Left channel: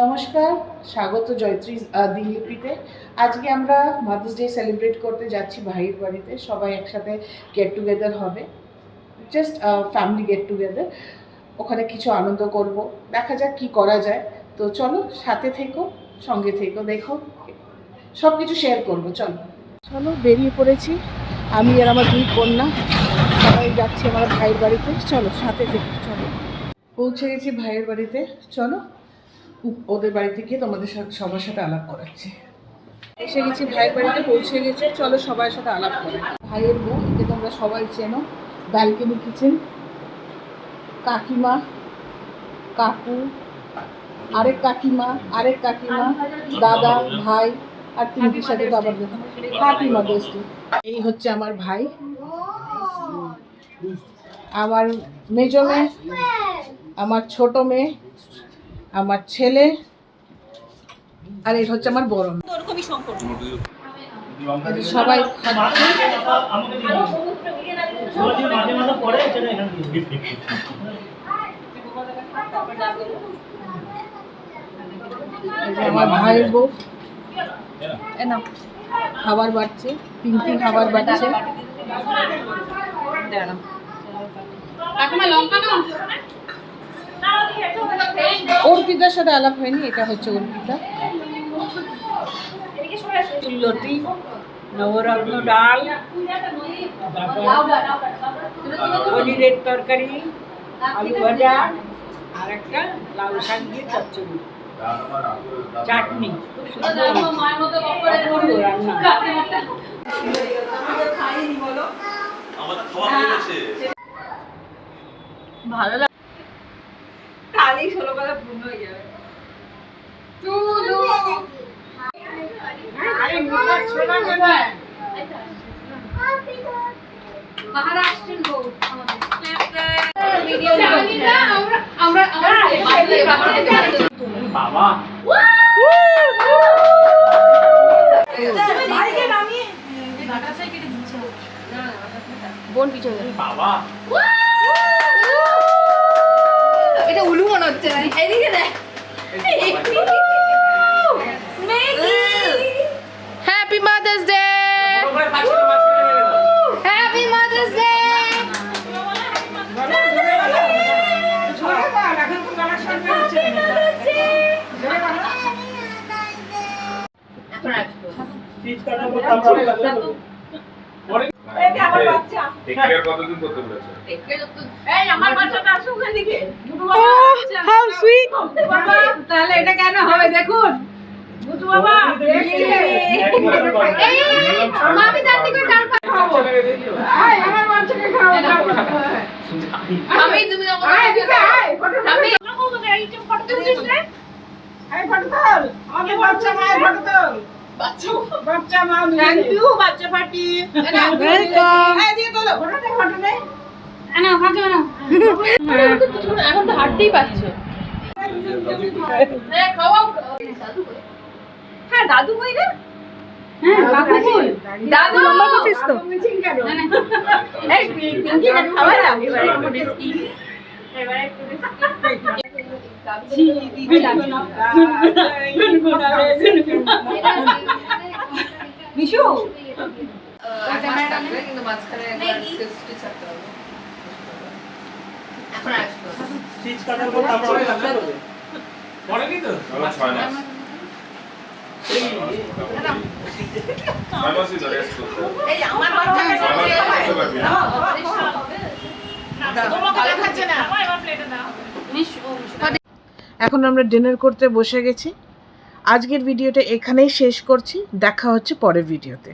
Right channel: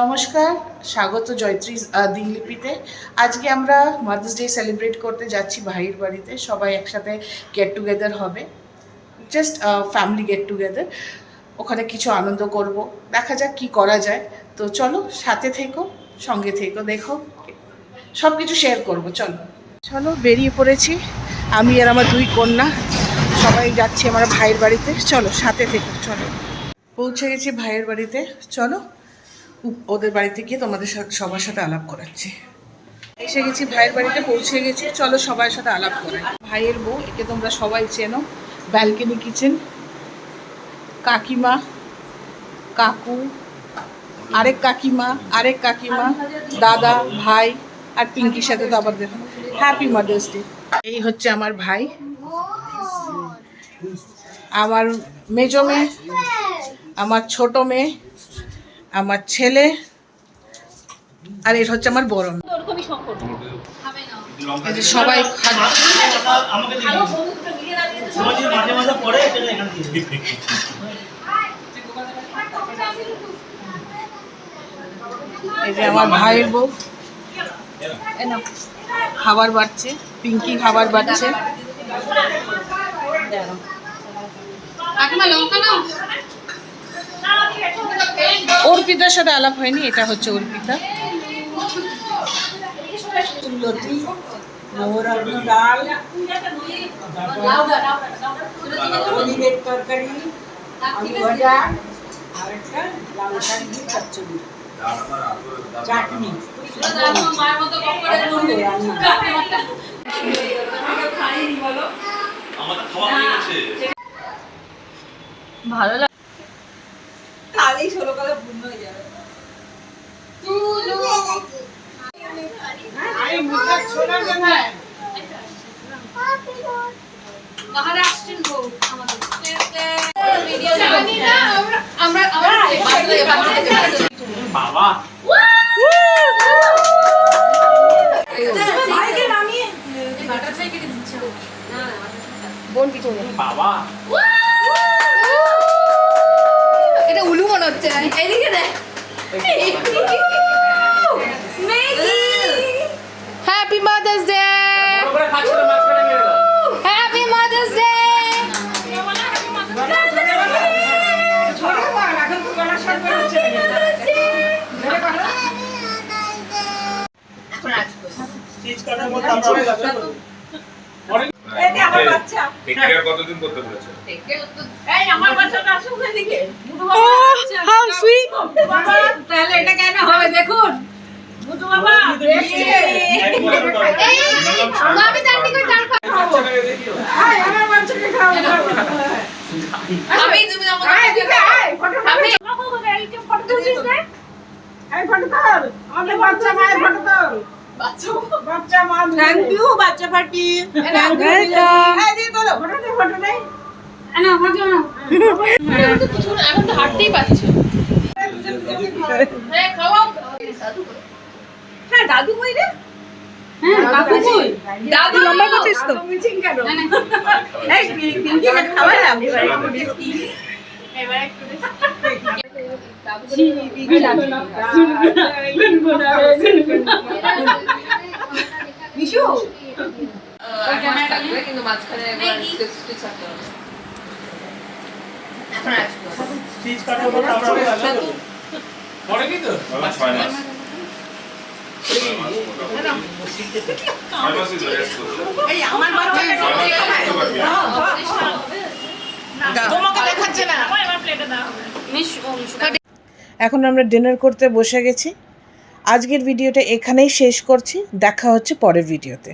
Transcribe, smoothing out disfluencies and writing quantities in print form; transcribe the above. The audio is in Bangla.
নমস্কার, স্বাগত জয়ত্রী দিনলিপিতে। আজকে আমরা মাদার্স ডে সেলিব্রেট করতে যাচ্ছি ভাইয়ের বাড়িতে। সবাই একসাথে গেট টুগেদার হবে, জাস্ট ফ্যামিলি গেট টুগেদার। ওখানে কিছু আনন্দ করব, দেখা যাক কি করা যায়। তো চলো, সাথে থেকো, সঙ্গে থেকো, দেখো, সব কিছু শেয়ার করবো। চলো চলো, বেরিয়ে পড়েছি আমি আর আমার দুই কন্যা, সবাই যাচ্ছি আমার ভাইয়ের বাড়িতে। চলো, সাথে থেকো। চলো, পৌঁছে গেছি ভাইয়ের বাড়িতে। চলো, ওদের বাড়িতে গিয়ে তোমাদের সবার সাথে আলাপ করাচ্ছি। এসে গেছি ভাইয়ের বাড়িতে, পৌঁছে গেছি। চলো সবার সাথে আলাপ করাই। ভাইয়ের বউ, একে তোমরা সবাই চেনো, ব্যালকনি কিচেন। কাকিমা, কাকু, আরেক কাকিমা, দাদা, ভাই, আর পিঙ্কির সাথে তো আবার দেখো হ্যাপি মাদার্স ডে। এই হচ্ছে আমার ভাই, আমার মেজো মেয়ে, আমার ছোট মেয়ে, আমার ছেলে, আর এর হচ্ছে আমার বড় মেয়ে। সবাই এই যে আমার ভাইয়ের বউ খাবার বাড়ছে, পিঙ্কি খাবার বাড়ছে। অর্পিতার সাথে আলাপ হয়নি, এটা হচ্ছে অর্পিতা। লতি, নবরত্ন ডাল, পনিরের তরকারি, আলু ভাজা, আর একটা লাল শাক দিয়ে চচ্চড়ি, চাটনি। ভালো লাগে, খালি 16 কথা পূর্ণ হয়ে যাবে। এটা উলু মনে হচ্ছে। এদিকে দেখ, happy mother's day, happy mother's day. কতদিন করতে বলেছে? তাহলে এটা কেন হবে দেখুন। বাচ্চা পার্টি এখন তো হাঁটতেই পারছে। হ্যাঁ, দাদু কই রে? কাকু কই? দাদু লম্বা করছিস তো? মিছিং কেন? এই পিঙ্কি কে খাওয়ালাম এবারে একটু মিশু কিন্তু মাঝখানে এখন আমরা ডিনার করতে বসে গেছি। আজকের ভিডিওটা এখানেই শেষ করছি, দেখা হচ্ছে পরের ভিডিওতে।